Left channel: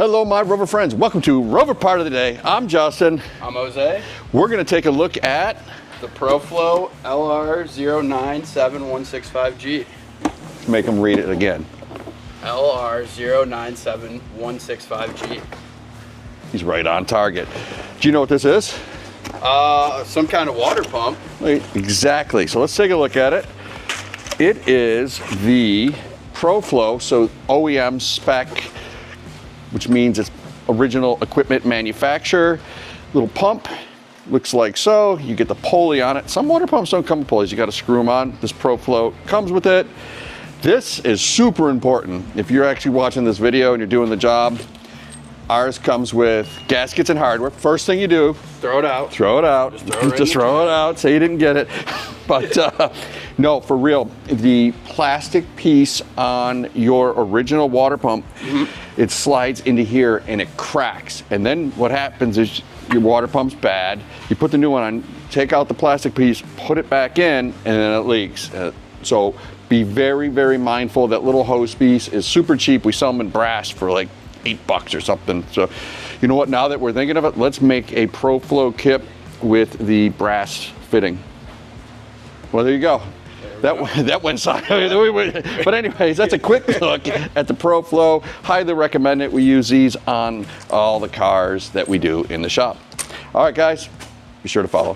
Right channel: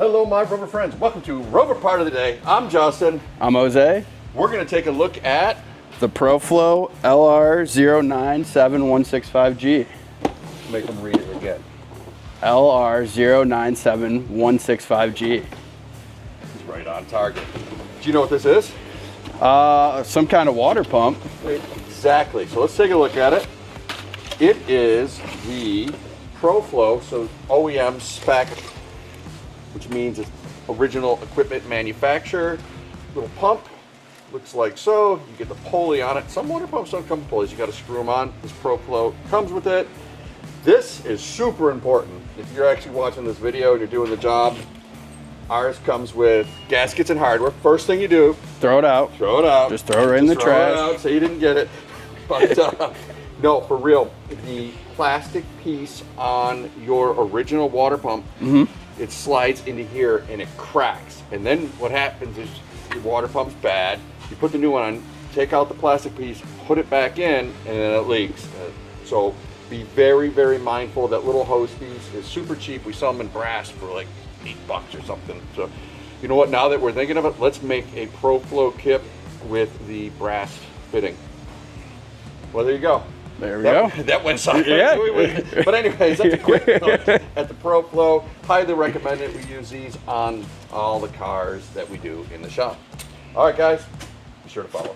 Hello, my Rover friends. Welcome to Rover Part of the Day. I'm Justin. I'm Jose. We're going to take a look at The ProFlow LR097165G. make them read it again. LR097165G. He's right on target. Do you know what this is? Some kind of water pump. Exactly. So let's take a look at it. It is the ProFlow, so OEM spec, which means it's original equipment manufacturer. Little pump, looks like so. You get the pulley on it. Some water pumps don't come with pulleys. You got to screw them on. This ProFlow comes with it. This is super important. If you're actually watching this video and you're doing the job, ours comes with gaskets and hardware. First thing you do, Throw it out. throw it out. Just throw it in Just the throw it trash. out. Say you didn't get it. But no, for real, the plastic piece on your original water pump, it slides into here and it cracks. And then what happens is your water pump's bad. You put the new one on, take out the plastic piece, put it back in, and then it leaks. So be very, very mindful. That little hose piece is super cheap. We sell them in brass for like $8 or something. So you know what, now that we're thinking of it, let's make a ProFlow kit with the brass fitting. Well, there you go. There we go. That went sideways. Yeah. But anyways, that's a quick look at the ProFlow. Highly recommend it. We use these on all the cars that we do in the shop. All right, guys, be sure to follow.